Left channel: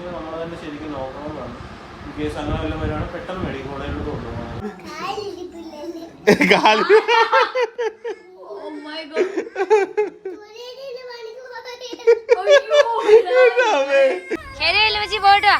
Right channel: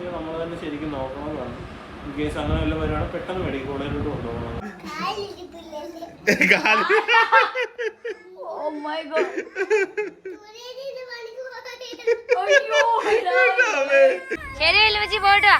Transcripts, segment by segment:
ഒക്കെ നമ്മൾ തന്നെ ശരിക്കും നോക്കണമെന്നാണ് ഈ കേസ് അങ്ങനെ വല്ല വരുവാണ് പെട്ടെന്ന് മെഡിക്കൽ കോളേജിലോട്ട് കൊണ്ടുപോകണം. Oh ശരി പോയിട്ട്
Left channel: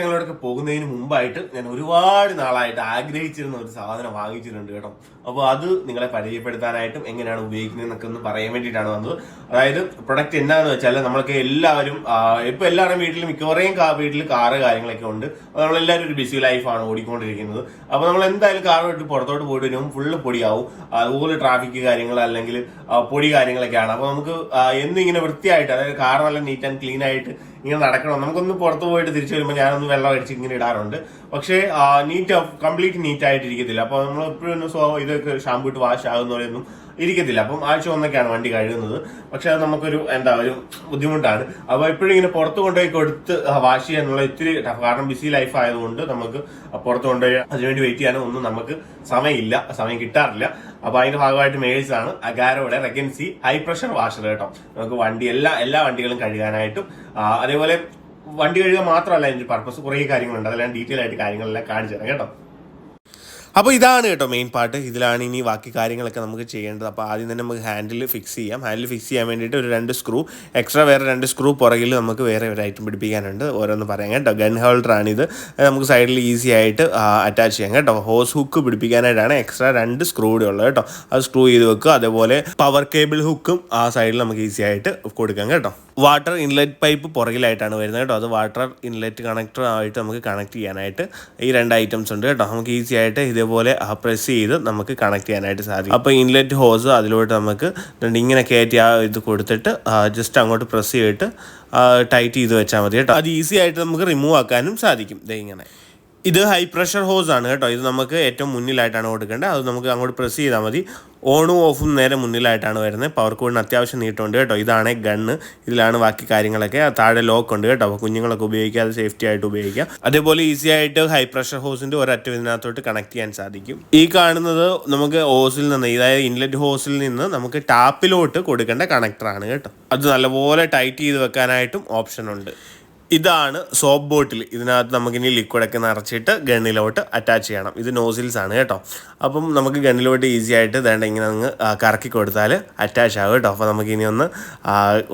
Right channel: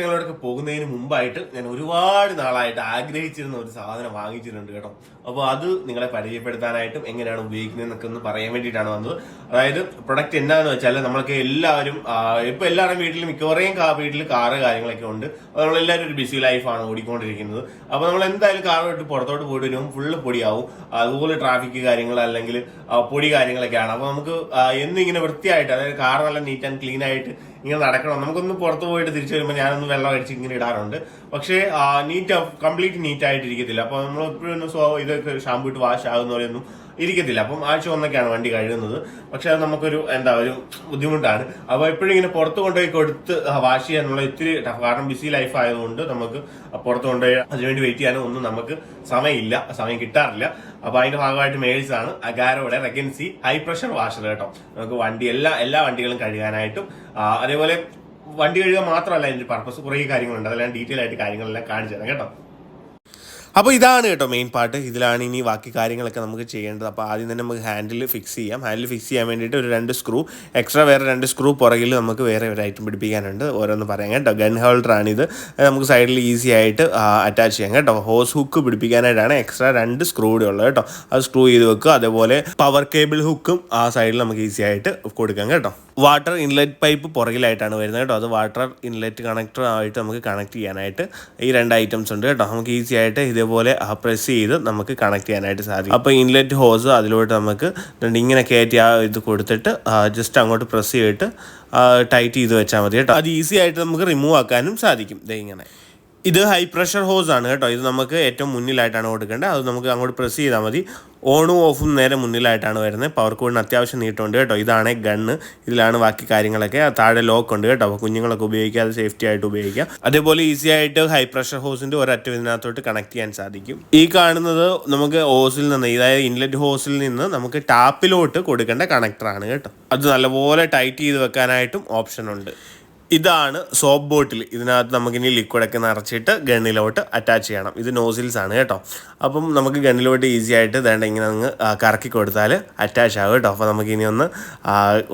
വിശേഷങ്ങളിലൊക്കെ പോകുന്നതിന് മുമ്പായിട്ട് ഞാൻ ഒരുപാട് നാളായിട്ട് ആഗ്രഹിച്ചിരുന്ന ഒരു സാധനം വാങ്ങിച്ചിട്ടുണ്ട് കേട്ടോ. അപ്പോൾ അത് നിങ്ങളെ പരിചയപ്പെടുത്താനായിട്ടും എങ്ങനെയാണ് ഉപയോഗിക്കുന്നതെന്നൊക്കെ ഒന്ന് പറയാൻ വേണ്ടിയിട്ടാണ് വന്നത്. അതായത് പ്രൊഡക്റ്റ് എന്താണെന്ന് വെച്ചാൽ നമ്മൾക്ക് എല്ലാവരും ഇപ്പോൾ ഇപ്പൊ എല്ലാവരും വീട്ടിൽ മിക്കവാറും വീട്ടിൽ കാറ് കാര്യങ്ങളൊക്കെ ഉണ്ട്. അപ്പോൾ നമ്മളെല്ലാവരും ഒരു ബിസി ലൈഫാണ് ഓടിക്കൊണ്ടിരിക്കുന്നത്. അപ്പോൾ നമ്മൾ എന്തായാലും കാർ വിട്ട് പുറത്തോട്ട് പോയിട്ട് വരുമ്പോൾ ഫുള്ള് പൊടിയാവും. അതുപോലെ ട്രാഫിക് കാര്യങ്ങൾ അല്ലെങ്കിൽ പൊടി കാര്യങ്ങളൊക്കെയാണ്. അപ്പോൾ നമുക്ക് എന്നും ഇങ്ങനെ വൃത്തിയായിട്ട് അതായത് കാർ നല്ല നീറ്റ് ആൻഡ് ക്ലീൻ ആയിട്ട് ഇങ്ങനെ നടക്കണം. നമുക്കൊന്ന് പുറത്ത് പോയിട്ട് തിരിച്ചു വരുമ്പോൾ ഞാനൊന്ന് വെള്ളം അടിച്ച് ഇങ്ങനെ ഇടാറുണ്ട്. പക്ഷേ നീറ്റ് കംപ്ലീറ്റ് നീറ്റ് ആയിട്ട് അപ്പൊ നമ്മൾ എപ്പോഴും സോ ഇതൊക്കെ ഷാമ്പു ഇട്ട് വാഷ് ആകുന്ന പോലെയൊന്നും ഇരിക്കത്തില്ല. അപ്പം ആഴ്ച ഒന്നൊക്കെയാണ് വണ്ടി കഴുകുന്നത്. പക്ഷെ അത് നമുക്കൊരു എന്താ ഒരു ബുദ്ധിമുട്ടാണ്. അപ്പൊ എപ്പോഴും ഇങ്ങനെ പുറത്ത് കൊണ്ടുപോയി കൊടുത്ത് വാഷ് ചെയ്യാനുള്ള ഇത്തിരി ടഫ് കാരണം ബിസി ലൈഫ് ആയതുകൊണ്ട് നമുക്ക് പുറത്ത് കൊണ്ടുപോയി അതിനുവേണ്ടി വെയിറ്റ് ചെയ്യാനും ഒന്നും നമുക്ക് സമയമില്ല. സമയം കിട്ടാറില്ല. അപ്പൊ അതിന്റെ ഭാഗമായിട്ട് മേഴ്സ് ആണ്. അഗാരോയുടെ റെഗൻസി ഹൈ പ്രഷർ വാഷർ കേട്ടോ. നമുക്ക് വണ്ടി എല്ലാ എല്ലാ വണ്ടികളും കഴുകാനായിട്ടും അതേപോലെ വണ്ടി കഴുകുക മാത്രമല്ല അതിന്റെ പർപ്പസ് കുറേ കാര്യങ്ങളുണ്ട്. അതെല്ലാം ഡീറ്റെയിൽ ആയിട്ട് കാര്യങ്ങളെല്ലാം കാണിച്ചു തരാം കേട്ടോ. അപ്പോൾ ഇതാണ് കേട്ടോ മെയിൻ പാർട്ട് ഇതിലാണ് ഇനി ബാക്കി കാര്യങ്ങളൊക്കെ നമുക്ക് ചെയ്യേണ്ടത്. അപ്പോൾ ആദ്യം തന്നെ നമുക്ക് ഹാൻഡിൽ ഫിക്സ് ചെയ്യാം. ഹാൻഡിൽ ഫിക്സ് ചെയ്യാൻ വേണ്ടിയിട്ട് ഒരു രണ്ട് സ്ക്രൂ എക്സ്ട്രാ വേറെ രണ്ട് സ്ക്രൂ പുറകിൽ നമുക്ക് വേറെ ഒരു ഐറ്റം പിടിപ്പിക്കാനുണ്ട്. ഓരോന്ന് പറയാം കേട്ടോ. ഗൺ ഹോൾഡറാണിത് ഇത്. നമുക്ക് സൈഡിൽ ഈസി ആയിട്ട് അറ്റാച്ച് ചെയ്യാം കേട്ടോ. ഹോസ് ഹുക്ക് പിടിപ്പിക്കാനായിട്ടാണ് എക്സ്ട്രാ രണ്ട് സ്ക്രൂ കൂടെ ഉള്ളത് കേട്ടോ. അത് സ്ക്രൂ ചെയ്ത് വെക്കുക. അതേപോലെ പവർ കേബിൾ ഹുക്കും ആ സൈഡിൽ നമുക്ക് ഈസി ആയിട്ട് കൊടുക്കാം കേട്ടോ. വാട്ടർ ഇൻലെറ്റ് പൈപ്പ് പുറകിലായിട്ടാണ് വരുന്നത് കേട്ടോ. അത് വാട്ടർ ഇൻലെറ്റ് കണക്ടർ ആയിട്ട് നമുക്ക് കണക്ട് ചെയ്യാനായിട്ട് ഈ രണ്ട് ഐറ്റംസ് ഉണ്ട് കേട്ടോ. നമുക്ക് ഈസി ആയിട്ട് ഇതേപോലെ പ്രസ് ചെയ്ത് നമുക്ക് കണക്ട് ചെയ്യാനായിട്ട് സാധിക്കും. അപ്പോൾ ഇൻലെറ്റ് ഹോസ് അതിലോട്ട് നമുക്ക് ഇങ്ങനെ കയറ്റി ആ ഇത് കൊടുത്തിട്ട് ജസ്റ്റ് അങ്ങോട്ട് പ്രസ് ചെയ്തിട്ട് ടൈറ്റ് ചെയ്ത് വെച്ചാൽ മതി കേട്ടോ. അത് ഈസി ആയിട്ട് നമുക്ക് റിമൂവ് ആക്കാനും സാധിക്കും. ദേ ഇങ്ങനെ. ഇത് ഹൈ പ്രഷർ ഹോസ് ആണ് കേട്ടോ. ഇത് നമുക്ക് ഏറ്റവും മുന്നിലായിട്ടാണ് കൊടുക്കേണ്ടത്. അത് നമുക്ക് അങ്ങോട്ട് പ്രസ് ചെയ്താൽ മതി. ഓണും ഓഫും നേരെ മുന്നിലായിട്ടാണ് വരുന്നത്. പവർ കോഡിന് അത്യാവശ്യം നീട്ടമുണ്ട് കേട്ടോ. ഇതാണ് ഗണ്ണ് ഇതിലാണ് ബാക്കി കാര്യങ്ങളൊക്കെ. താഴെ ലോക്ക് ഉണ്ട് കേട്ടോ. അപ്പോൾ കുഞ്ഞുങ്ങളൊക്കെ ഉപയോഗിക്കാതെ സേഫ്റ്റി ആയിട്ട് ഉപയോഗിക്കാം അതേപോലെ ഈസി ആയിട്ട് ഹൈ പ്രഷർ ഹോസിന്റെ ഒരറ്റം ഇതിനകത്തോട്ട് കണക്ട് ചെയ്യാൻ സാധിക്കും. ഈ കാണുന്നത് നമുക്ക് ഹോസിൽ നിന്ന് അതായത് ഇൻലെറ്റ് ഹോസിൽ നിന്ന് നമുക്ക് ടാപ്പിലോട്ട് കൊടുക്കേണ്ട കണക്ടറാണ് കേട്ടോ. അത് നല്ലപോലെ ടൈറ്റ് ചെയ്ത് വെക്കാനായിട്ടും ഓപ്ഷൻ ഉണ്ട്. ഇതാണ് സോപ്പ് ബോട്ടിൽ ഇതിനകത്ത് നമുക്കിനി ലിക്വിഡൊക്കെ നിറച്ചിട്ട് ഗണ്ണിലോട്ട് അറ്റാച്ച് ചെയ്യണം. ഇത് നോസിൽസ് ആണ് കേട്ടോ. അപ്പം നമുക്ക് ഗണ്ണിലോട്ട് ഈസി ആയിട്ട് വേണ്ട ഇങ്ങനെ അങ്ങ് കറക്കി കൊടുത്താൽ അറ്റാച്ച് ആകും കേട്ടോ. അപ്പോൾ നമുക്ക് ഇനി ഒന്ന്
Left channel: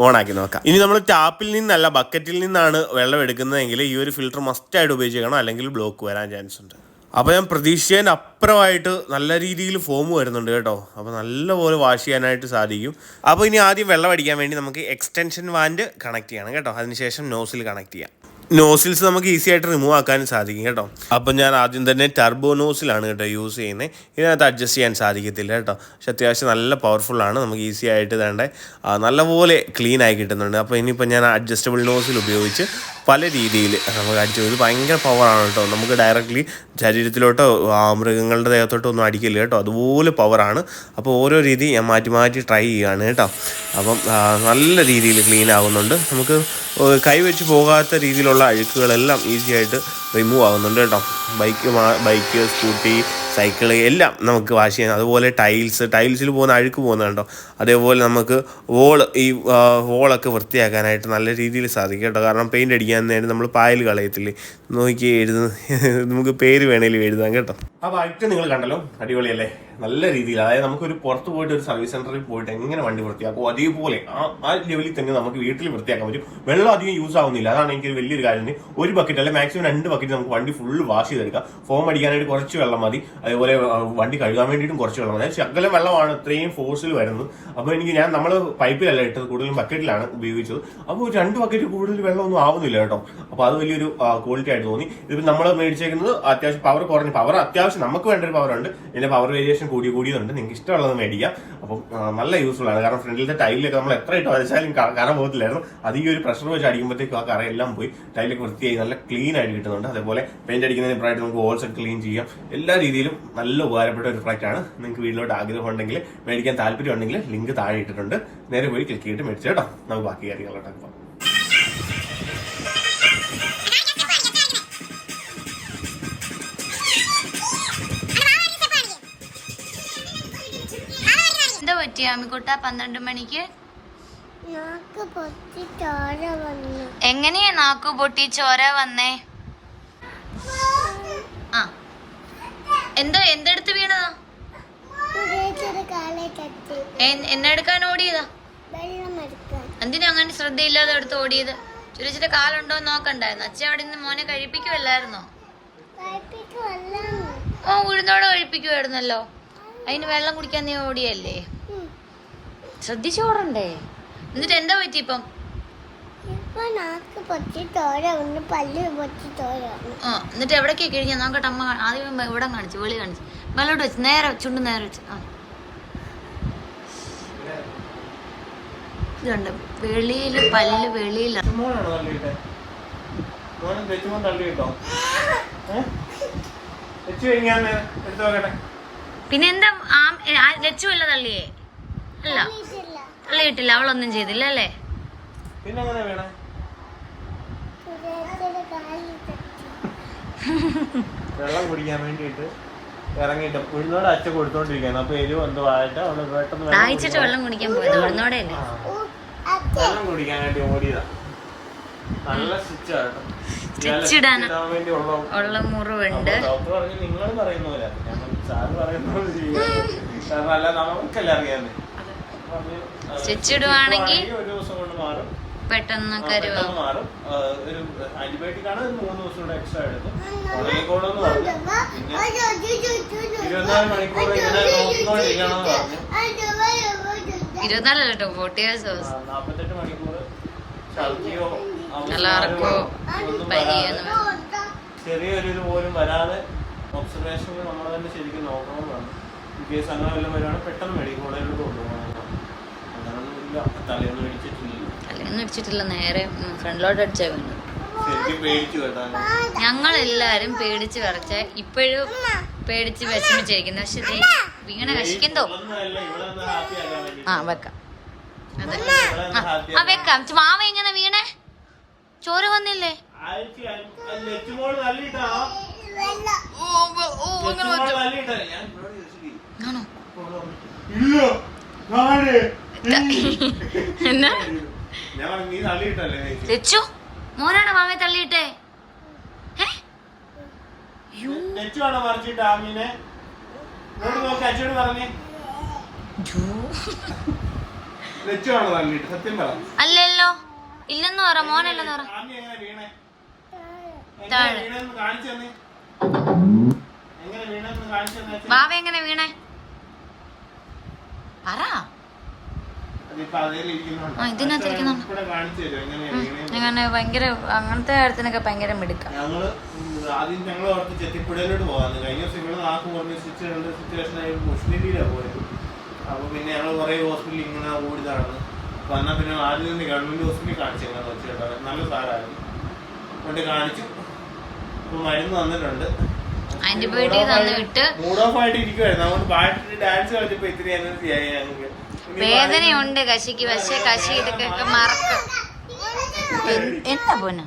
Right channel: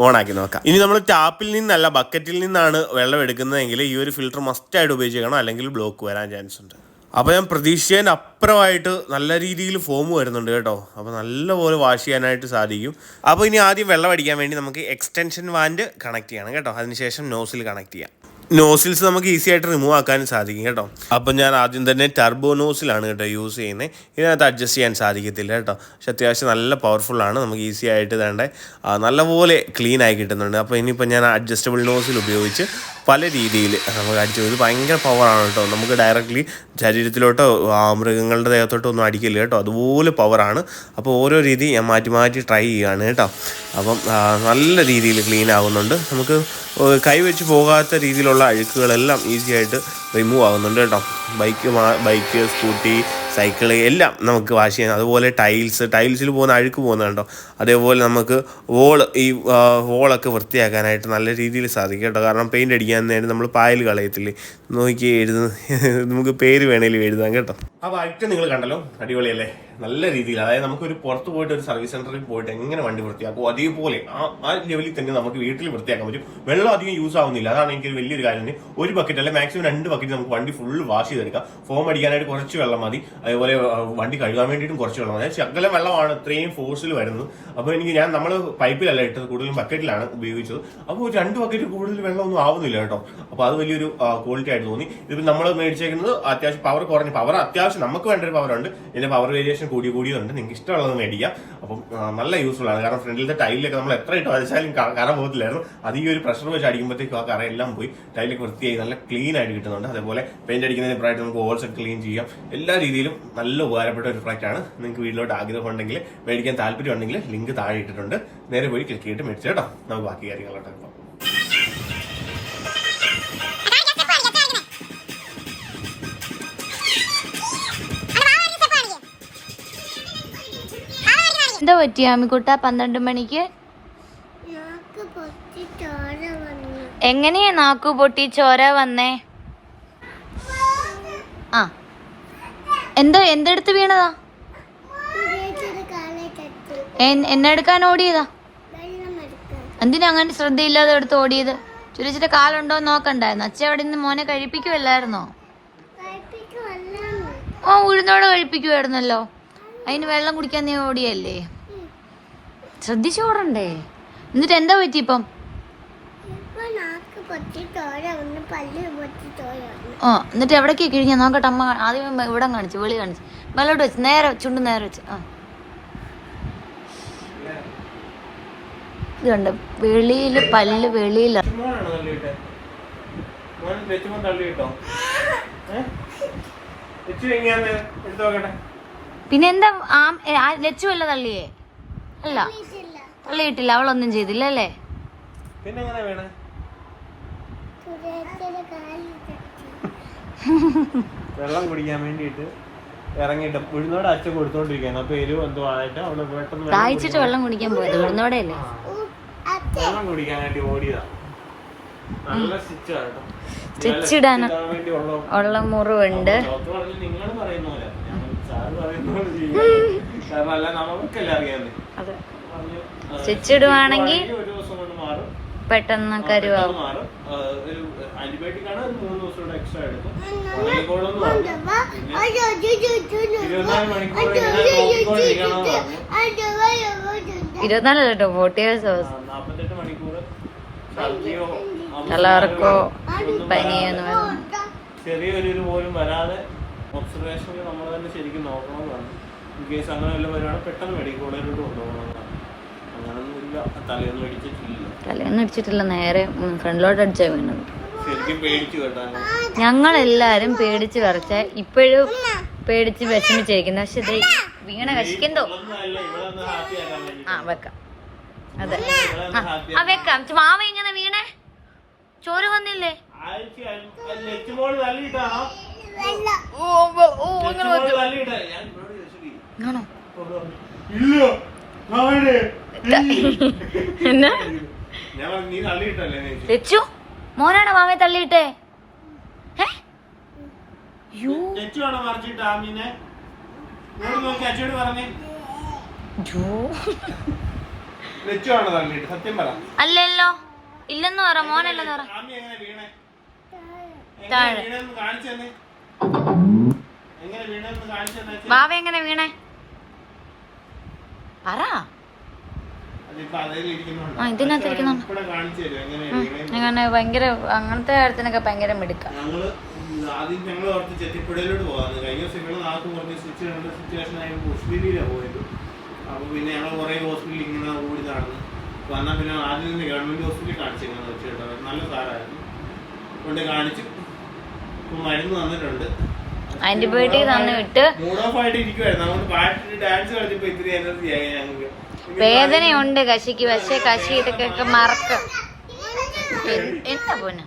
ഓണാക്കി നോക്കാം. ഇനി നമ്മൾ ടാപ്പിൽ നിന്നല്ല ബക്കറ്റിൽ നിന്നാണ് വെള്ളം എടുക്കുന്നതെങ്കിൽ ഈ ഒരു ഫിൽറ്റർ മസ്റ്റായിട്ട് ഉപയോഗിക്കണം അല്ലെങ്കിൽ ബ്ലോക്ക് വരാൻ ചാൻസ് ഉണ്ട്. അപ്പോൾ ഞാൻ പ്രതീക്ഷിച്ചതിന് അപ്പുറമായിട്ട് നല്ല രീതിയിൽ ഫോം വരുന്നുണ്ട് കേട്ടോ. അപ്പോൾ നല്ലപോലെ വാഷ് ചെയ്യാനായിട്ട് സാധിക്കും. അപ്പോൾ ഇനി ആദ്യം വെള്ളം അടിക്കാൻ വേണ്ടി നമുക്ക് എക്സ്റ്റൻഷൻ വാൻഡ് കണക്ട് ചെയ്യണം കേട്ടോ. അതിനുശേഷം നോസിൽ കണക്ട് ചെയ്യാം. നോസിൽസ് നമുക്ക് ഈസി ആയിട്ട് റിമൂവ് ആക്കാൻ സാധിക്കും കേട്ടോ. അപ്പം ഞാൻ ആദ്യം തന്നെ ടർബോ നോസിലാണ് കേട്ടോ യൂസ് ചെയ്യുന്നത് ഇതിനകത്ത് അഡ്ജസ്റ്റ് ചെയ്യാൻ സാധിക്കത്തില്ല കേട്ടോ. പക്ഷെ അത്യാവശ്യം നല്ല പവർഫുള്ളാണ് നമുക്ക് ഈസി ആയിട്ട് വേണ്ട നല്ലപോലെ ക്ലീൻ ആയി കിട്ടുന്നുണ്ട്. അപ്പോൾ ഇനിയിപ്പോൾ ഞാൻ അഡ്ജസ്റ്റബിൾ നോസിൽ ഉപയോഗിച്ച് പല രീതിയിൽ നമുക്ക് അടിച്ചു ഇത് ഭയങ്കര പവറാണ് കേട്ടോ. നമുക്ക് ഡയറക്റ്റ്ലി ശരീരത്തിലോട്ടോ മൃഗങ്ങളുടെ ദേഹത്തോട്ടോ ഒന്നും അടിക്കില്ല കേട്ടോ. അതുപോലെ പവറാണ് അപ്പോൾ ഓരോ രീതി ഞാൻ മാറ്റി മാറ്റി ട്രൈ ചെയ്യുകയാണ് കേട്ടോ. അപ്പം നല്ല രീതിയിൽ ക്ലീൻ ആകുന്നുണ്ട് നമുക്ക് ഏഹ്, കൈ വെച്ച് പോകാത്ത രീതിയിലുള്ള അഴുക്കുകളെല്ലാം ഈസി ആയിട്ട് റിമൂവ് ആകുന്നുണ്ട് കേട്ടോ. ബൈക്ക് ബൈക്ക് സ്കൂട്ടി സൈക്കിൾ എല്ലാം നമുക്ക് വാഷ് ചെയ്യാം അതുപോലെ ടൈൽസ് ടൈൽസിൽ പോകുന്ന അഴുക്ക് പോകുന്നുണ്ടോ അതേപോലെ നമുക്ക് വോൾ ഈ വോളൊക്കെ വൃത്തിയാക്കാനായിട്ട് നല്ല രീതിയിൽ സാധിക്കും കേട്ടോ. കാരണം പെയിന്റ് അടിക്കാൻ നേരം നമ്മൾ പായൽ കളയത്തില്ലേ? നോക്കി എഴുതുന്ന നമുക്ക് പേര് വേണേലും എഴുതാം കേട്ടോ. ആ ബൈക്ക് നിങ്ങൾ കണ്ടല്ലോ. അടിപൊളിയല്ലേ? നല്ല രീതിയിൽ അതായത് നമുക്കൊരു പുറത്ത് പോയിട്ട് ഒരു സർവീസ് സെന്ററിൽ പോയിട്ട് എങ്ങനെ വണ്ടി വൃത്തിയാക്കും അതേപോലെ ആ ആ ലെവലിൽ തന്നെ നമുക്ക് വീട്ടിൽ വൃത്തിയാക്കാൻ പറ്റും. വെള്ളം അധികം യൂസ് ആവുന്നില്ല. അതാണ് എനിക്ക് വലിയൊരു കാര്യം. ഒരു ബക്കറ്റ് അല്ലെങ്കിൽ മാക്സിമം രണ്ട് ബക്കറ്റ് നമുക്ക് വണ്ടി ഫുള്ള് വാഷ് ചെയ്തെടുക്കാം. ഫോം അടിക്കാനായിട്ട് കുറച്ച് വെള്ളം മതി. അതേപോലെ വണ്ടി കഴുകാൻ വേണ്ടിയിട്ടും കുറച്ച് വെള്ളം മതി. ശകലം വെള്ളമാണ് ഇത്രയും ഫോഴ്സിൽ വരുന്നത്. അപ്പോൾ എനിക്ക് ഞാൻ നമ്മൾ പൈപ്പിലല്ല ഇട്ടത് കൂടുതലും ബക്കറ്റിലാണ് ഉപയോഗിച്ചത്. അപ്പോൾ രണ്ട് ബക്കറ്റ് കൂടുതൽ വെള്ളമൊന്നും ആവുന്നില്ല കേട്ടോ. അപ്പോൾ അത് വലിയൊരു ക്വാളിറ്റി ആയിട്ട് തോന്നി. ഇതിപ്പോൾ നമ്മൾ മേടിച്ചേക്കുന്നത് അത്യാവശ്യം പവർ കുറഞ്ഞ പവർ അത്യാവശ്യം നമുക്ക് വേണ്ട ഒരു പവർ ഉണ്ട്. ഇതിന്റെ പവർ വേരിയേഷൻ കൂടി കൂടിയുണ്ട് നിങ്ങൾക്ക് ഇഷ്ടമുള്ളത് മേടിക്കാം. അപ്പം നല്ല യൂസ്ഫുൾ ആണ്. കാരണം ഫ്രണ്ടിലത്തെ ടൈലൊക്കെ നമ്മൾ എത്ര ഇട്ട് വരച്ചാലും കറ പോകത്തില്ലായിരുന്നു. അത് ഈ ഒരു പ്രഷർ വെച്ച് അടിക്കുമ്പോഴത്തേക്കും ആ കറയെല്ലാം പോയി. ടൈലൊക്കെ വൃത്തിയായി നല്ല ക്ലീൻ ആയിട്ട് കിട്ടുന്നുണ്ട്. അതേപോലെ പെയിന്റ് അടിക്കുന്നതിന് പ്രായിട്ട് നമുക്ക് ഹോൾസ് ക്ലീൻ ചെയ്യാം. എല്ലാ രീതിയിലും നല്ല ഉപകാരപ്പെട്ട ഒരു ആണ്. നിങ്ങൾക്ക് വീട്ടിലോട്ട് ആഗ്രഹം ഉണ്ടെങ്കിൽ മേടിക്കാൻ താല്പര്യം ഉണ്ടെങ്കിൽ ലിങ്ക് താഴെ ഇട്ടിട്ടുണ്ട്. നേരെ പോയി ക്ലിക്ക് ചെയ്തിട്ട് മേടിച്ചു കേട്ടോ. നമുക്ക് ബാക്കി കാര്യങ്ങളോട്ടൊക്കെ എന്താ പറ്റിയ അമ്മിക്കുട്ട? പന്ത്രണ്ട് മണിക്ക്? എങ്ങനെയാ നാക്കു പൊട്ടി ചോര വന്നേ? ആ. എന്തോ എന്തെടുത്ത് വീണതാ? എന്നെടുക്കാൻ ഓടിയതാ? എന്തിനാ അങ്ങനെ ശ്രദ്ധയില്ലാതെ എടുത്ത് ഓടിയത്? ചെറിയ കാലുണ്ടോ നോക്കണ്ടായിരുന്നു. അച്ഛൻ അവിടെ നിന്ന് മോനെ കഴിപ്പിക്കുമല്ലായിരുന്നോ ആ ഉഴുന്നോട് കഴിപ്പിക്കുമായിരുന്നല്ലോ അതിന് വെള്ളം കുടിക്കാൻ നീ ഓടിയല്ലേ? ശ്രദ്ധിച്ചോടണ്ടേ? എന്നിട്ട് എന്താ പറ്റി ഇപ്പം? ഓ എന്നിട്ട് എവിടേക്ക് കിഴിഞ്ഞ നോക്കട്ടെ അമ്മ ആദ്യം ഇവിടെ കാണിച്ചു വെളി കാണിച്ചു. മേലോട്ട് വെച്ച് നേരെ ചുണ്ട് നേരെ വെച്ച്. ആ. ഇത് കണ്ട് വെളിയിൽ പല്ല് വെളിയില. ഏഹ് വെച്ച് കഴിഞ്ഞാൽ എടുത്തു നോക്കട്ടെ. പിന്നെ എന്താ ആ ലച്ചു അല്ല തള്ളിയേ? അല്ല. തള്ളിയിട്ടില്ല. അവളൊന്നും ചെയ്തില്ല അല്ലേ? പിന്നെ വെള്ളം കുടിക്കാൻ വേണ്ടിയിട്ട് ഇറങ്ങിട്ട് ഉഴുന്നോട് അച്ഛൻ കൊടുത്തോണ്ടിരിക്കുകയാണ് അപ്പൊ എരിവ് എന്തോ ആയിട്ട് അവൾ പെട്ടെന്ന് വെള്ളം വെള്ളം കുടിക്കാൻ പോയത് ഉഴുന്നോടെ വെള്ളം കുടിക്കാൻ വേണ്ടി ഓടിയതാ. നല്ല സ്വിച്ച് ആട്ടോ വേണ്ടി ഉള്ള മുറിവുണ്ട്. സ്റ്റിച്ച് ഇടുവാണെങ്കിൽ ദിവസം പെട്ടെന്ന് കരുവാകും ദിവസം ഇരുപത്തിനാല് കേട്ടോ ഫോർട്ടി ഇയേഴ്സ് മണിക്കൂർ ഛർദിയോ എല്ലാവർക്കോ ചെറിയൊരു പോലും വരാതെ ഒബ്സർവേഷനിൽ നമ്മൾ തന്നെ ശരിക്കും നോക്കണമെന്നാണ് ഇൻ കേസ് അങ്ങനെ വല്ല വരുവാണെങ്കിൽ പെട്ടെന്ന് മെഡിക്കൽ കോളേജിലോട്ട് കൊണ്ടുപോകണം. അങ്ങനൊന്നുമില്ല. തലയൊന്നും അടിച്ചിട്ടില്ല. തലയൊന്നും അടിച്ചിട്ടില്ല. നേരെ ഫ്രണ്ടിലോട്ട് അടിച്ചാൽ വീണു ശരിക്കും പേടിച്ചു കേട്ടാണ് ഞങ്ങൾ എല്ലാരും പേടിച്ച് കറച്ച ഇപ്പോഴും പേടിച്ച് വിഷമിച്ചിരിക്കുന്നു. പക്ഷെ വീണ കശിക്കന്തോ ആ വെക്കാം. അതെ. ആ, വെക്കാം. മാവ എങ്ങനെ വീണേ? ചോര വന്നില്ലേ? ആണോ? എന്നാ? മോനാണോ മാമയെ തള്ളിയിട്ടേ? മറിച്ചിട്ട് ആമീനെ? നോക്കി അച്ഛനോട് പറഞ്ഞേ. അല്ലല്ലോ. ഇല്ലെന്ന് പറ മോനല്ലെന്ന് പറ. താഴെ. ബാവ എങ്ങനെ വീണേ? പറ. ആ, ഇതിനകത്ത് ഇരിക്കുന്നുണ്ട്. ഇവിടെ കാണിച്ചു തരും എങ്ങനെയാ വീണേ അങ്ങനെ ഭയങ്കര അങ്ങനത്തെ കാര്യത്തിനൊക്കെ ഭയങ്കര മിടുക്കാം. ആദ്യം ഞങ്ങൾ ഓർത്ത് ചെത്തിപ്പുഴയിലോട്ട് പോകാന്ന് കഴിഞ്ഞ ദിവസം ഇവിടെ നാക്ക് പറഞ്ഞ സിറ്റുവേഷൻ ആയിരുന്നു പോയത്. അപ്പൊ പിന്നെ ഞങ്ങൾ കുറേ ഹോസ്പിറ്റലിൽ ഇങ്ങനെ ഓടി നടന്ന്. വന്നാൽ പിന്നെ ആദ്യം തന്നെ ഗവൺമെന്റ് ഹോസ്പിറ്റലിൽ കാണിച്ചിരുന്നു വെച്ചിട്ട് നല്ല സാറായിരുന്നു കൊണ്ട് കാണിച്ചു. ഇപ്പം മരുന്ന് തന്നിട്ടുണ്ട്. ആന്റിബയോട്ടിക് തന്നിട്ട് മൂഡ് ഓഫ് ആയിട്ട് ഇരിക്കുവായിരുന്നു. അതുകൊണ്ട് പാട്ടിട്ട് ഡാൻസ് കളിച്ചപ്പോ ഇത്തിരി എനർജി ആയി ഞങ്ങൾക്ക് വേദനയുണ്ട് കശിക്ക് പക്ഷെ കശി ഇതൊക്കെ മറക്കും. എന്താ പോന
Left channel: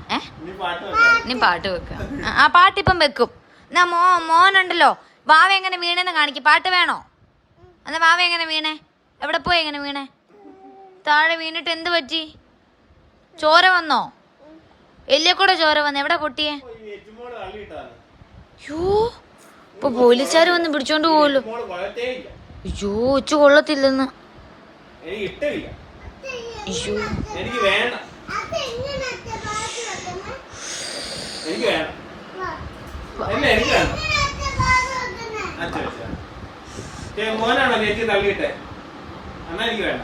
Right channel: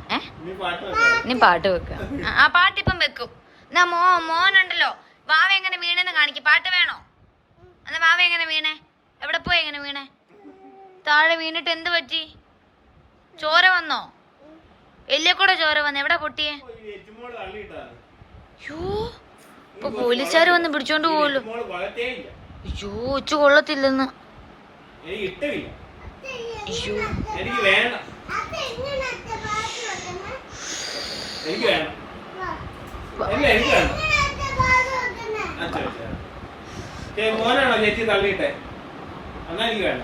നീ പാട്ട് വെക്കാം. ആ, പാട്ടിപ്പം വെക്കും. എന്നാ മോ മോനുണ്ടല്ലോ. വാവ എങ്ങനെ വീണെന്ന് കാണിക്കും. പാട്ട് വേണോ? എന്നാ മാമ എങ്ങനെ വീണേ? എവിടെ പോയി എങ്ങനെ വീണേ? താഴെ വീണിട്ട് എന്ത് പറ്റി? ചോര വന്നോ? വലിയ കൂടെ ചോര വന്നു? എവിടെ പൊട്ടിയേ? ഇപ്പൊ പോലീസുകാർ വന്ന് പിടിച്ചോണ്ട് പോവല്ലോ. അയ്യോ ഉച്ച കൊള്ളത്തില്ലെന്ന്. എനിക്ക് വേണം. മോനാണോ ചേച്ചി തള്ളിയിട്ടെ? എന്നാ എനിക്ക് വേണ്ട.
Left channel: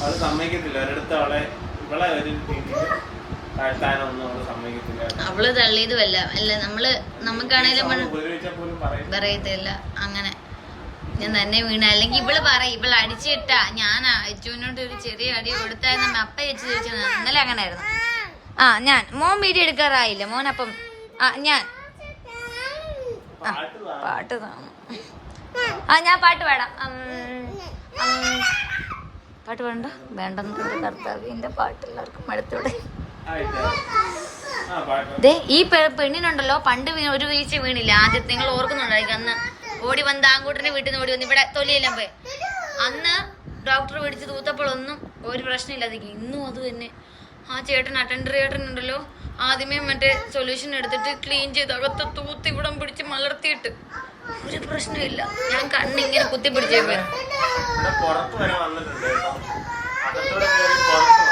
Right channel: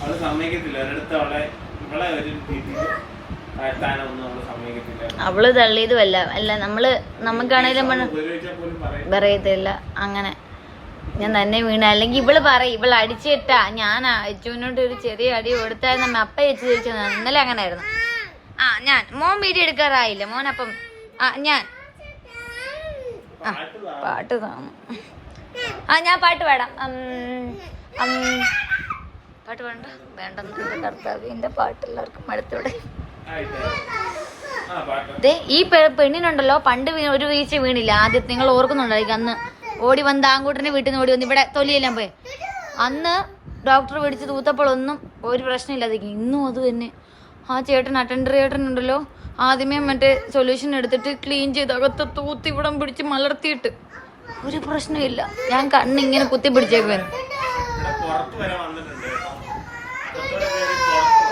അവൾ സമ്മതിക്കത്തില്ല. ഒരിടത്ത് അവളെ ഇവളെ ഒരു അവൾ തള്ളിയതുമല്ല. അല്ല നമ്മൾ നമുക്കാണേലും പറയും പറയത്തില്ല. അങ്ങനെ. ഞാൻ തന്നെ വീണ. അല്ലെങ്കിൽ ഇവൾ പറയും ഇവൾ അടിച്ചിട്ടാ ഞാൻ അച്ചുവിനോട് ഒരു ചെറിയ അടി കൊടുത്തായിരുന്നു. അപ്പ അയച്ചു തിരിച്ചു ഇന്നലെ അങ്ങനെ ആയിരുന്നു ആ ഞാൻ. മോൻ വീഡിയോ എടുക്കാറായില്ല? മോൻ അപ്പം ആ ഞാൻ. ആ പാട്ട് കാണും. ആ ഞാൻ പാട്ട് പാടാം. പാട്ട് വേണ്ട വേണ്ടെന്ന് കർത്താവ് എന്റെ പാട്ട് എല്ലാവർക്കും ദേ ഈ പെണ്ണിനുണ്ടല്ലോ പണ്ട് ഒരു വീഴ്ച വീണില്ല. ആദ്യത്തെ നിങ്ങൾ ഓർക്കുന്നുണ്ടായിരിക്കും അന്ന് ഓടി വന്ന് ആങ്കൂട്ടനെ വീട്ടിൽ നിന്ന് ഓടി വന്ന്. ഇവിടെ തൊലിയെല്ലാം പോയി. അന്ന് ഡോക്ടർ പിടിച്ച് തൂത്തപ്പോഴൊന്നും ഒരു പ്രശ്നമില്ലാതിരിക്കും ഇന്നും അത് തന്നെ. ആ ചേട്ടൻ അറ്റൻഡർ ചേട്ടൻ ഉണ്ടല്ലോ ആദ്യമേ മറ്റേ സൊല്യൂഷൻ എടുത്തിട്ട് ക്ലീൻ ചെയ്ത് അകത്ത് തൂത്തി ഇവിടെ പിടിച്ച് മലർത്തിയിട്ട്. ഒരു പ്രശ്നമില്ല ഞാൻ കണ്ണിങ്ങനെ കുത്തി പിടിച്ചേ ഇവിടെ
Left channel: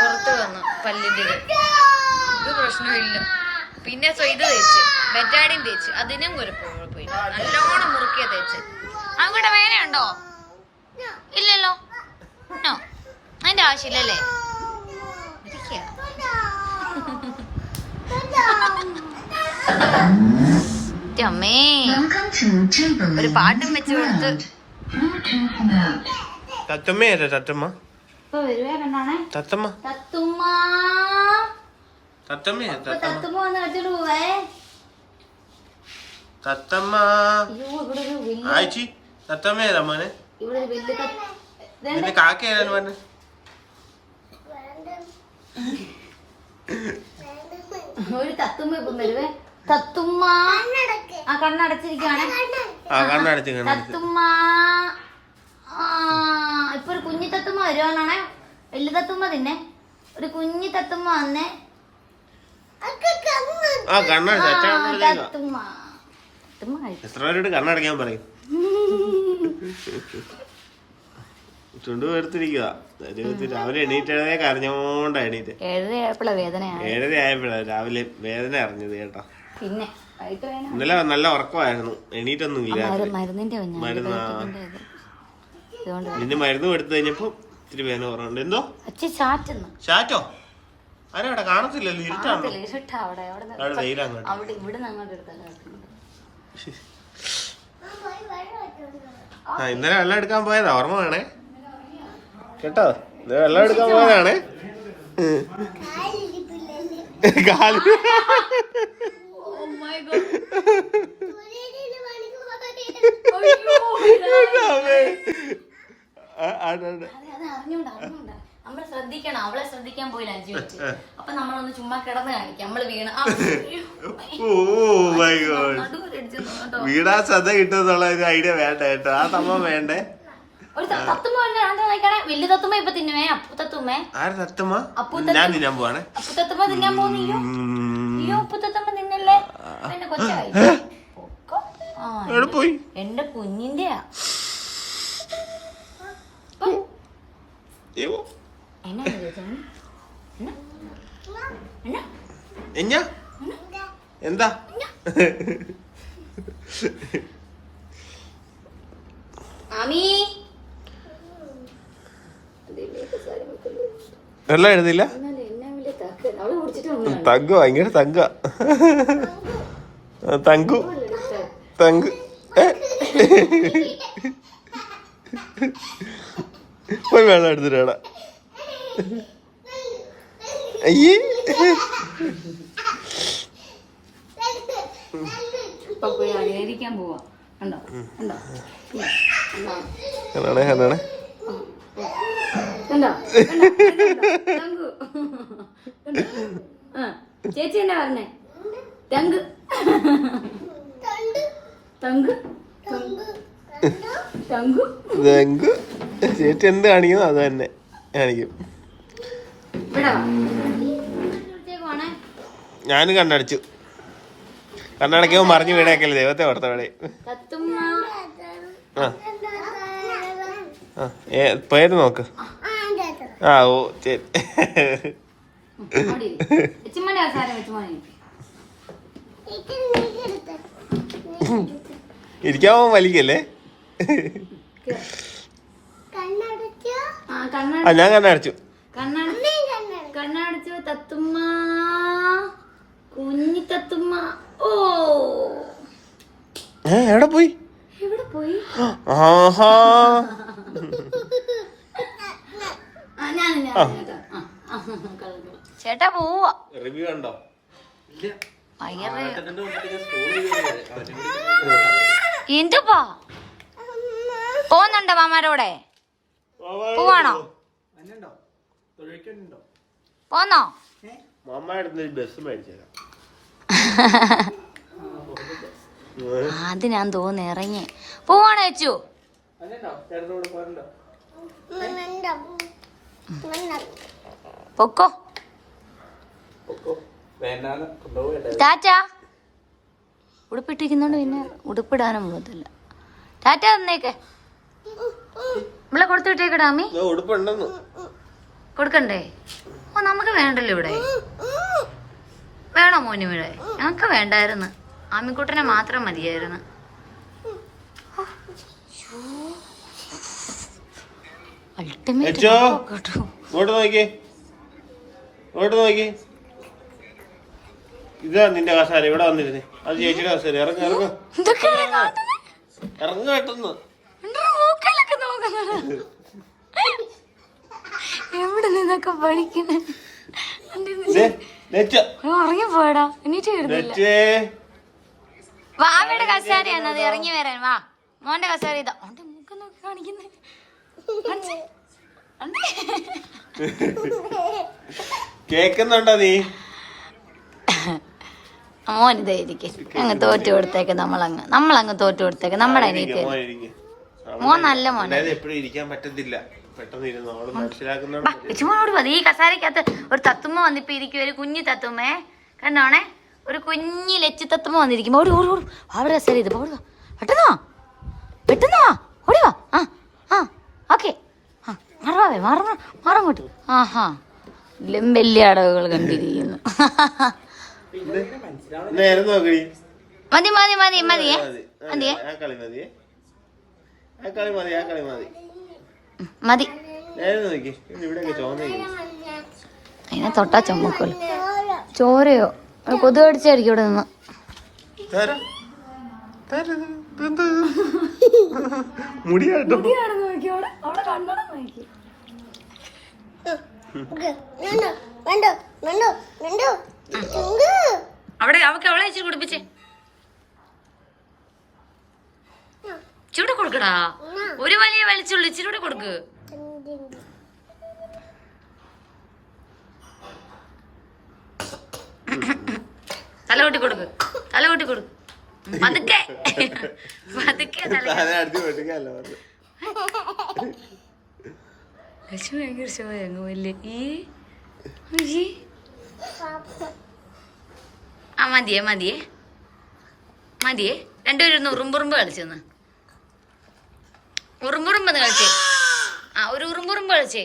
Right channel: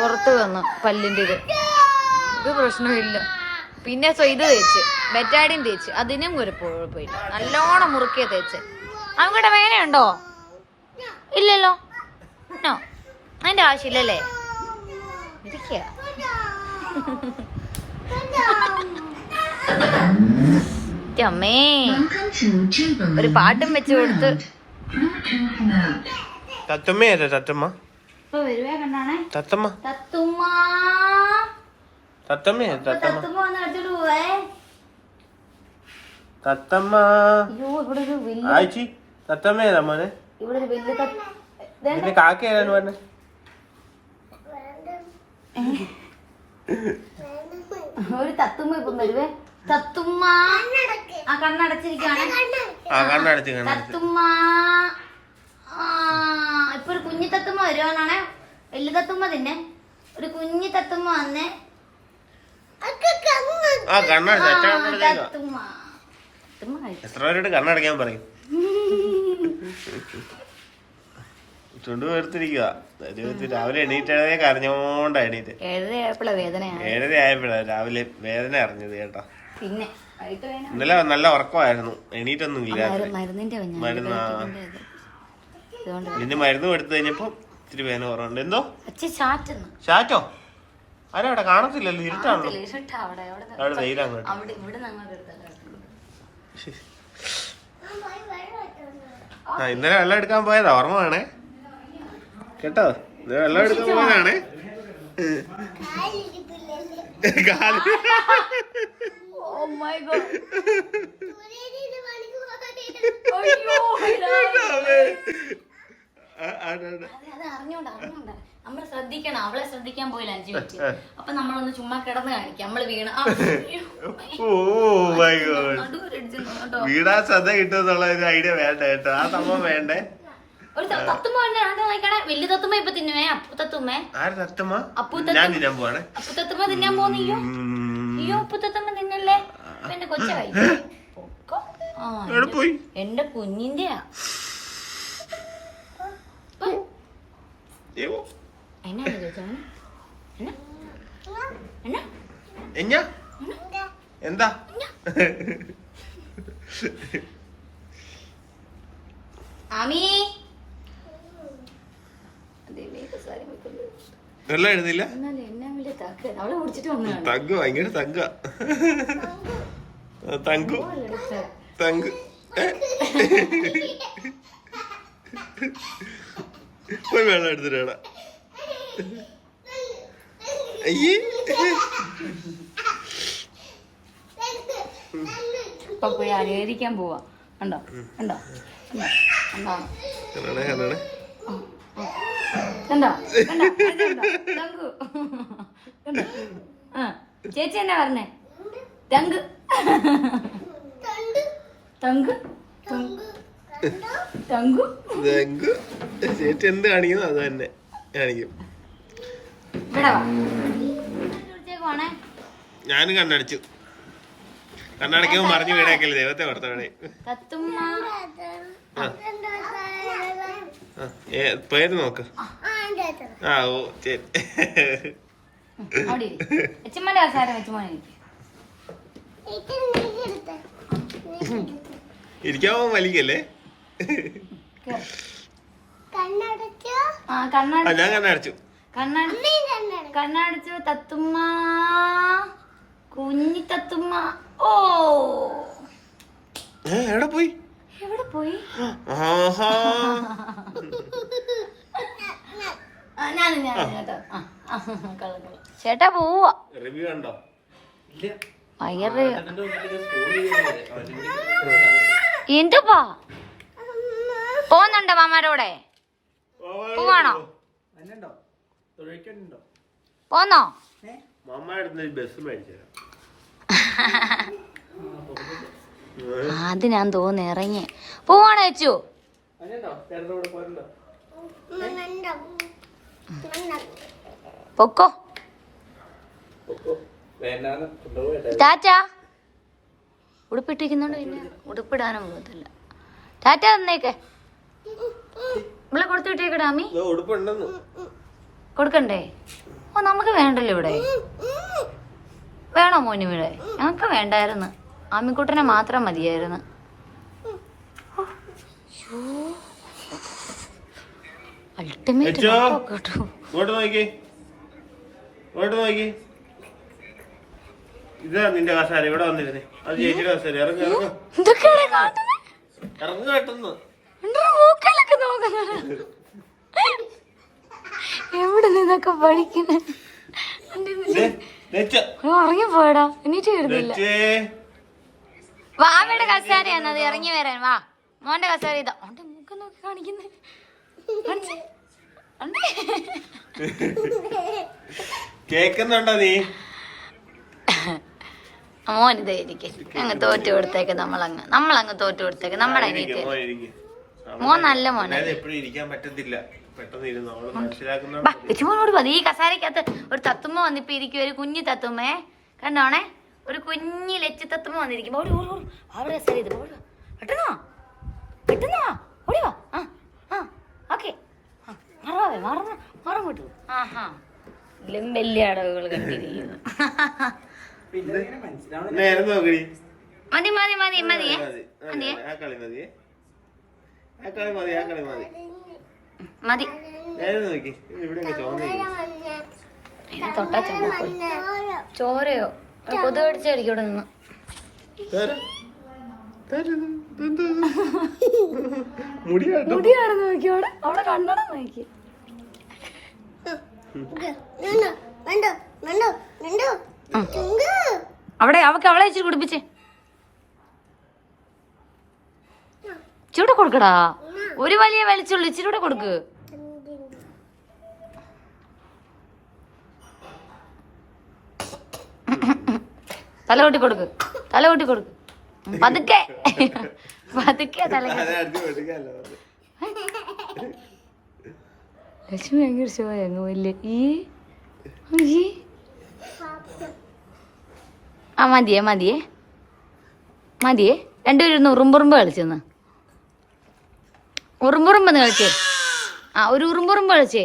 പുറത്ത് വന്നു പല്ലിന്റെ ഇത്. ഒരു പ്രശ്നമില്ല. പിന്നെ സോ ഇത് തേച്ച്. ബെറ്റാഡിൻ തേച്ച്. അതിനും ഒരു പോയി. നല്ലോണം മുറുക്കിയ തേച്ച്. അവൻകൂടെ വേനയുണ്ടോ ഇല്ലല്ലോ. നോ. അതിന്റെ ആവശ്യമില്ലല്ലേ? ഇരിക്കുക. അമ്മേ. ഒരു പാട്ടും വെച്ച് കൊടുത്ത്. തത്തമ്മ തത്തമ്മ? തത്തമ്മ. തത്തുമ്മ. തത്തമ്മ. തത്തമ്മ തത്തുമ്മ. ആയിച്ചി തത്തമ്മ ഏതാ മോനെ. കാക്ക ഏതാണ് മോനെ? ഒരു തത്തുമ്മ ഇപ്പം വരുവേ. തത്തുമ്മ. ആ കണ്ണടച്ചിരിക്കാണ് ആ കണ്ണടച്ച് കണ്ണടച്ച് തത്തുമ്മ. ആ ഇപ്പൊ ഒരു കുഞ്ഞി തത്തുമ്മ വരുവാണേ വലിയ തത്തുമ്മ തിന്നെ. ഒരു കുഞ്ഞി തത്തുമ്മ വന്നേ. ആ കഴിച്ചു എത്ര പേരോട് കണ്ണടയ്ക്കാൻ പറയും. ചുണ്ടു എടുത്തിരിക്കുക രാവിലെ എണീറ്റേ കരഞ്ഞോണ്ട എണീറ്റ്. ഏഴര ആയപ്പോഴാ രാവിലെ വേദന അറിഞ്ഞത് കേട്ടോ. പിന്നെ ഇന്നലെ നല്ല ഉറക്കമായിരുന്നു. എണീറ്റൊന്നും ഇല്ല മരുന്നാ കുഞ്ഞാ. മരുന്ന്. എടുത്തു കഴിഞ്ഞപ്പോ ഇത്തിരി വേദന കുറവുണ്ട്. എന്തോ? ചാറ്റോ? ആരാ അവിടെ കാണത്തില്ലല്ലോ ഇരുട്ടാണല്ലോ. ഇരുട്ടാ അവിടെ അവിടെ അങ്ങോട്ട്. ആ ഇന്നലെ വെള്ളം എടുക്കാൻ പോയതാ ഓർമ്മ വേണേ? കേട്ടോ? ഇന്നലെ വെള്ളം എടുക്കാൻ പോയതാണേ? അറിഞ്ഞോണ്ട അറിഞ്ഞോണ്ട. നമ്മൾ ശ്രദ്ധിക്കണം അവളെ ശ്രദ്ധിക്കാൻ പോയില്ല അഞ്ചു മിനിറ്റ്. അപ്പൊ നമ്മളൊന്ന് ചുമ്മാ കിടന്ന് കാണിക്കാം. നമ്മൾ വീണ കേട്ടോ. വീടാ ശ്രദ്ധ കിട്ടുന്നുള്ള ഒരു ഐഡിയ വേണ്ട കേട്ടോ. ആ സംഭവം വേണ്ടേ? ഒരു തത്തുമ്മ വലിയ തത്തുമ്മ ഇപ്പൊ തിന്നുവേ? അപ്പു തത്തുമ്മേ? ആര് സത്യമാ അപ്പു ഞാൻ തത്തുമ്മ തിന്നാൻ പോവാണ്. അപ്പു തത്തുമ്മ തിന്നാൻ പോകുന്നില്ലോ ഉം. അയ്യോ അപ്പു തത്തുമ്മ തിന്നല്ലേ? പിന്നെ കൊച്ചായി പൊക്കോ. പോയി? എന്റെ കുഞ്ഞിന്റെയാ. ഏവോ. എന്താ? ആമി. വെള്ളം എഴുതില്ല തങ്ക ഭയങ്കര തങ്ക. തങ്കു. തങ്ക് വെള്ളം എടുത്തിട്ടാ അയ്യേ ഇപ്പൊ പോയി പോവാ? അതാണ് അതാണ്. ചേച്ചി എന്നാ പറഞ്ഞേ? തങ്ക്. തങ്ക്. Thank you. ചേച്ചി എന്ത് കാണിക്കുന്നു അത് തന്നെ കാണിക്കും ഇവിടെ വാ. ഇവിടത്തേക്ക് പോണേ. ഞാനും കണ്ണടിച്ചു. കണ്ണടക്കുമ്പോ മറിഞ്ഞു വീണേക്കല്ലേ ദൈവത്തെ ഓർത്ത വേണേ തത്തുമ്മ ആ. പേര് നോക്ക്. ആ ഓ ശരി ഇരിക്കാമോ വലിക്കല്ലേ? ആ ഞാൻ കണ്ണടച്ചു. കണ്ണട. കണ്ണടച്ചു തത്തുമ്മ. കുഞ്ഞി തത്തുമ്മ. ഓ. എവിടെ പോയി? എവിടെ പോയി? ആഹാ. ചേട്ടാ പോവാ. റിവ്യൂ കണ്ടോ വയറ് എന്തുപ്പാ പോന്നുണ്ടോ മാമാരോടെ? പോവാണോ? പോന്നോ? അത് ഞാൻ തോന്നി ഇറങ്ങി. പോവാണ് വെച്ചു പൊക്കോ. ടാറ്റ. ഉടുപ്പിട്ടിരിക്കുന്നോണ്ട് പിന്നെ ഉടുപ്പിടാനും പോകത്തില്ല. ടാറ്റ തന്നേക്കെ. നമ്മളെ കൊടുത്തു വിട്ടേക്കടാ അമ്മി ഉടുപ്പുണ്ടെന്ന്. കൊടുക്കണ്ടേ? ഓ നമുക്ക് വേണ്ടല്ലോ ഇവിടെ. വേണോ മോനും ഇവിടെ? ഞങ്ങൾക്ക് വേണ്ടായിരുന്നു. ആമിക്കുട്ടനെ മാത്രം മതിയായിരുന്നു. നോക്കി. ഇതാ നിന്റെ കസാര ഇവിടെ വന്നിരുന്നേ. അത് ചേച്ചിയുടെ കസാര. ഇറങ്ങ ഇറങ്ങ. ഇറങ്ങ കേട്ടെന്ന്. എവിടെ നിന്നൊക്കെ പഠിക്കുന്നേ? ഇറങ്ങിപ്പോയടാ എനിക്ക് വരുന്നില്ല വാവയുടെ കസാരയാണ് അത് ഇറങ്ങി വരാൻ. വാ മോന്റെ കസാരി ഇതാ. ഓന്റെ മൂക്കം നോക്കി കാണിക്കുന്നേ. കേക്കുന്നുണ്ടോ നീ? മോൻ ഇതേ ഇരിക്കെ. അങ്ങ് തോറ്റു കൊടുത്തേക്ക് നമ്മളങ്ങ്. നമ്മളങ്ങ് തോറ്റു കൊടുത്തേക്ക്. നമ്മുടെ അനിയത്തി മോൻ ഇരിക്ക്. മോൻ നല്ല മോനെ. എപ്പോഴും ഇരിക്കാൻ പറ്റത്തില്ല. ലക്ഷ്മണോട് മതി. ഈ കസാരക്കകത്ത് ഒരു തത്തുമ്മ വന്നിപ്പോ ഇരിക്കും. ഒരു കുഞ്ഞു തത്തുമ്മേ കണ്ടോണേ? ഒരു കുഞ്ഞു ലച്ചു തത്തുമ്മ വന്നിരിക്കും ഓടി ഓടി ഓടി. അവിടെ കസാര ഇത് ഓടുക പെട്ടെന്നോ പെട്ടെന്നോ? വാ പെട്ടെന്ന്? വാ ഓടി വാ. ആ ആ ഓക്കെ. മാറാവേ മാറ മാറങ്ങോട്ട് ആഹാ. എല്ലാം വലിയ അടവുകൾ കണ്ടിരിക്കുന്നു. മതി മതി മതി മതിയേ. മതിയേ. ആ കളി മതി ആ കളി മതി ആ മതി. മതി നേരെ നോക്കി. ഇവിടെ ചോന്നില്ല അതിനെ തൊട്ടാ ചുമക്കുള്ളൂ ചോരയോ? കൊതു കടിച്ചായിരിക്കും ഇവിടെ നിന്ന്. അവിടെ. അവക്ക് അവളെ വെച്ച് കുടിപ്പിച്ചേ ചൂടെ കൊടുക്കടാ. ഒരു വലിയ വലിച്ചുള്ളൂ ഇച്ചിരൂടെ കൊടുക്ക്. തല കൊട്ടി കൊടുക്ക്. തല കൊട്ടി കൊടുക്ക്. പതുക്കെ. പതുക്കെ തല ലക്ഷ്മി ഭയങ്കര വലിയ ഈ. ആ മതിയേ മതിയേ. മതിയേ. രണ്ടുപേരും ഒന്ന് ഉറുമ്പുറുമ്പ് കളിച്ചെന്ന്. ഉറുമ്പുറുമ്പ് കളിച്ചേ. ആ ഒരു ഉറുമ്പുറുമ്പ് കളിച്ചേ.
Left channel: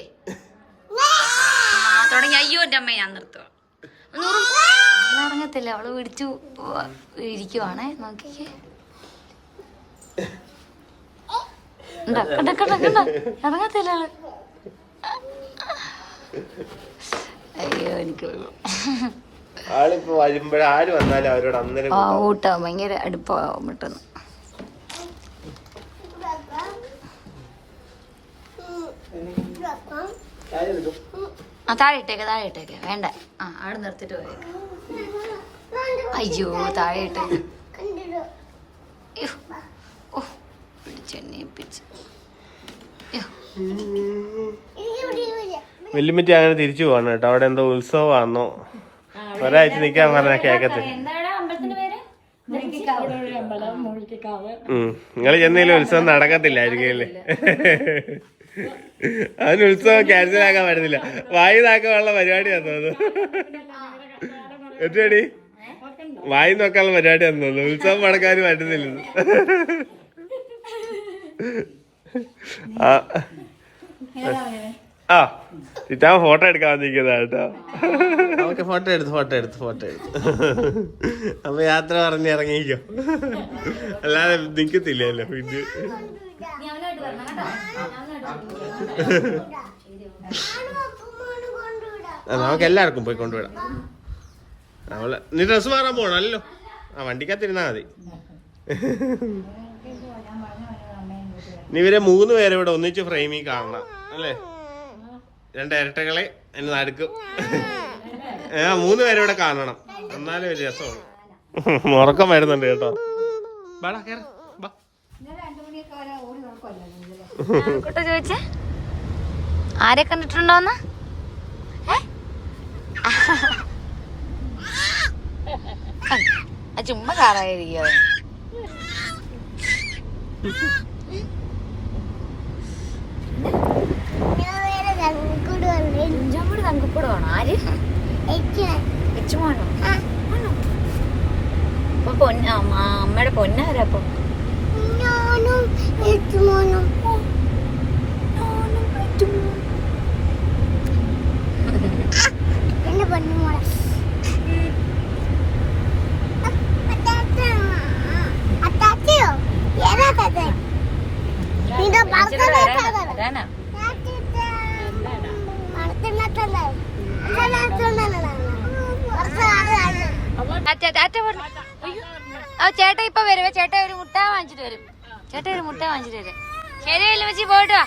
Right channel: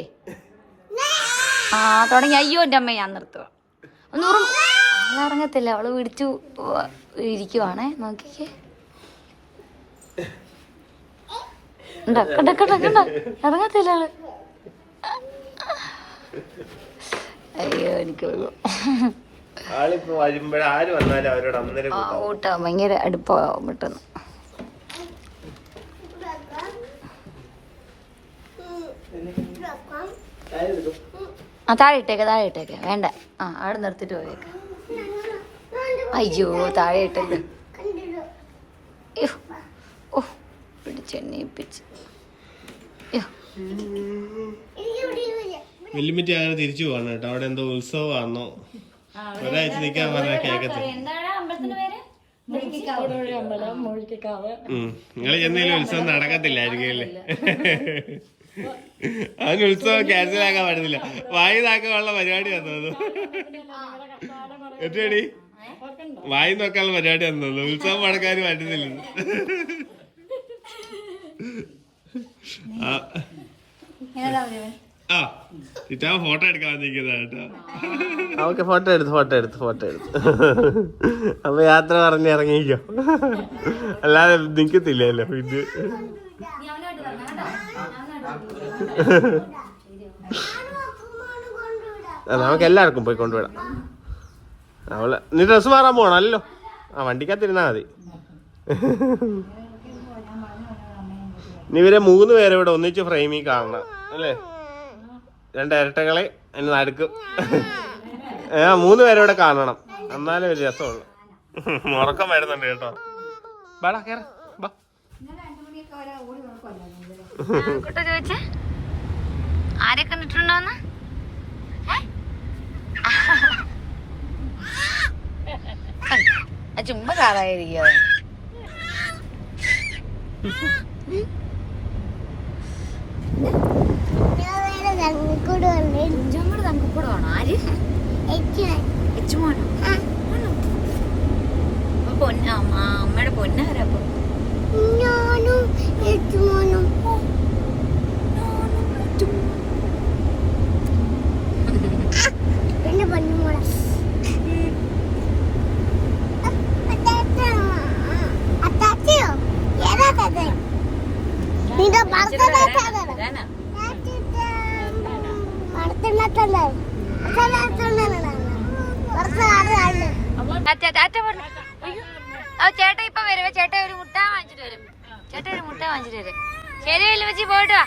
ആ തുടങ്ങി. അയ്യോ എന്റെ അമ്മ ഞാൻ നിർത്തുക ഒന്ന് ഉറുമ്പ് ഇറങ്ങത്തില്ല അവൾ പിടിച്ചു ഇരിക്കുവാണേ. നോക്കിക്കേ. ഇറങ്ങത്തില്ല അവൾ. അയ്യോ എനിക്കുള്ളൂ. ഭയങ്കര അടുപ്പാവും പെട്ടെന്ന്. ആ താഴെ ഇട്ടേക്ക താഴെ ഇട്ടേക്ക. വേണ്ട. ആ അവിടെ നിർത്തിട്ട് വരും അയ്യോ താഴെ ഇട്ടത് ഓ പിടിച്ചെണ്ണയിപ്പിച്ച് വെല്ലുമിറ്റി അങ്ങനെ തിരിച്ചു പോവാണ് കേട്ടോ. അവിടെ എന്തോ ഉത്സവമാണോ ഒരാഴ്ച നിക്കാൻ പറഞ്ഞ കേക്കത്തില്ല. നിങ്ങൾ ചെന്നതിൽ ഉത്സവം നടക്കത്തില്ലായിരിക്കും അല്ലേ? അതിന് ഉത്സവം ക്യാൻസൽ ആക്കാൻ പറ്റുന്നില്ല വായി താക്കാനുള്ള പരിപാടി തോന്നുന്നു. എത്രയടി വായി നോക്കാനുള്ള പരിപാടി ആണെന്നു ഉത്സവം പടക്കാൻ പറ്റുന്നില്ല ആ. ആ. ചിറ്റാ ഫോട്ടോ എടുക്കാൻ വന്നിരിക്കുന്ന കേട്ടോ. നമുക്ക് ഫോട്ടോ എടുത്ത് ഫോട്ടോ എടുത്ത് ഫോട്ടോ എടുത്ത്. അപ്പൊ യാത്ര പറഞ്ഞ് ഇറങ്ങിക്കോ. അല്ലാതെ നിക്കത്തില്ലല്ലോ ഇത്. നമുക്ക് എല്ലാവർക്കും പോയി കൊണ്ടുവിടാം. അവൾ നീ ഡ്രസ് മാറാൻ പോണല്ലോ ആ വണ്ടിക്കാത്തിരുന്നാ മതി. ഇവരെ മൂന്ന് പേരെ ഇവിടെ ഒന്നിച്ച് ഫ്രെയിമി കാണണം അല്ലേ? രണ്ട് ഇരട്ടകളെ അതിന് നടുക്കും. ആ മൂന്ന് പേരെ ഇവിടെ കാണണം. എന്നാലേ ഒരു രസമുള്ളു. ഉറക്കം വരുന്നുണ്ട് കേട്ടോ. ബാടാ കേറ. ആരെ കണ്ടിട്ടുണ്ടോന്ന് ഏ? ആ ചുമ്മാ കാറായിരിക്കും ഞാൻ വേറെ കണ്ണിക്കൂട് കണ്ടു തങ്കപ്പെടുവാണോ ആര് ഏറ്റവും എച്ചുമോണോ ആ അപ്പൊ പൊന്ന അമ്മ- അമ്മയുടെ പൊന്നാരാ അപ്പം ഞാനും ഏറ്റുമോനും എന്റെ പൊന്നുമോളെ അത്താത്തയോ ഏതാ താത്ത നിന്റെ ഭർത്താവ് താത്ത അതാനാ ടാറ്റ ടാറ്റ പറഞ്ഞു അയ്യോ. ആ ചേട്ടൻ ഇപ്പൊ വരുവേ ചേട്ട ഒരു മുട്ട വാങ്ങിച്ചിട്ട് വരും. ചേട്ട ഒരു മുട്ട വാങ്ങിച്ചിട്ട് വരും. ശരി വല്ല വെച്ച് പോയിട്ട്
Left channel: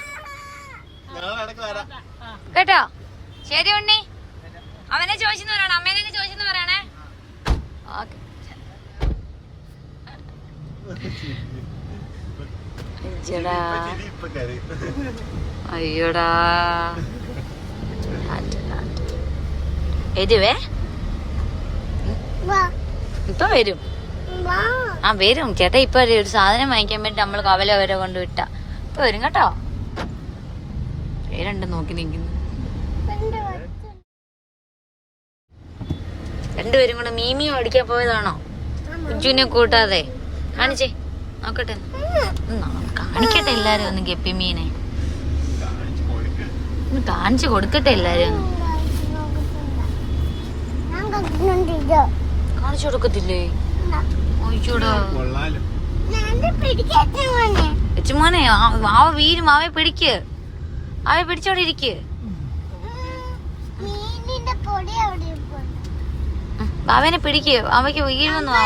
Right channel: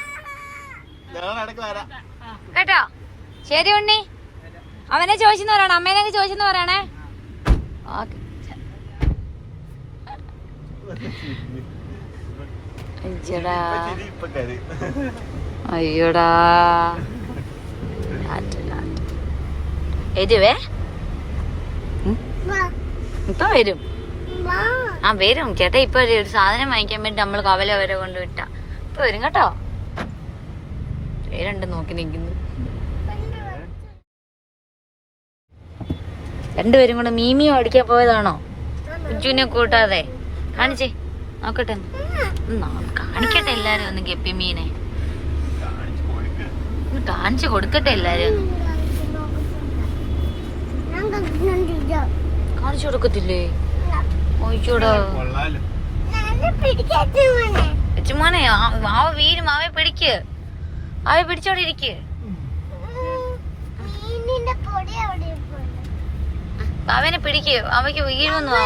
കേട്ടോ? ശരി ഉണ്ണി. അവനെ ചോദിച്ചെന്ന് പറയണം? അമ്മേനെ ചോദിച്ചെന്ന് പറയണേ? ഓക്കെ. അയ്യടാ. അയ്യോടാ. വരുവേ ഇപ്പൊ വരും. ആ വരും. ചേട്ടാ ഇപ്പൊ ഒരു സാധനം വാങ്ങിക്കാൻ വേണ്ടി നമ്മൾ കവല വരെ കൊണ്ട് വിട്ട. ഇപ്പൊ വരും കേട്ടോ. പേരുണ്ട് നോക്കി നിൽക്കുന്നു രണ്ടുപേരും കൂടെ മീമി ഓടിക്കാൻ പോയതാണോ? ഉജ്ജുവിനെ കൂട്ടാതെ. കാണിച്ചേ. നോക്കട്ടെ. കാണിക്കട്ടെ എല്ലാരും ഒന്ന് ഗപ്പി മീനെ. കാണിച്ചു കൊടുക്കട്ടെ എല്ലാരും കാണിച്ചു കൊടുക്കത്തില്ലേ? ഒഴിച്ചൂടാ ചുമ്മാനെ മാവ വീരും മാവെ പിടിക്ക്. അവയെ പിടിച്ചോടെ ഇരിക്ക്. അവനെ പിടിക്ക്. അവയ്ക്ക് വീഴുമെന്ന്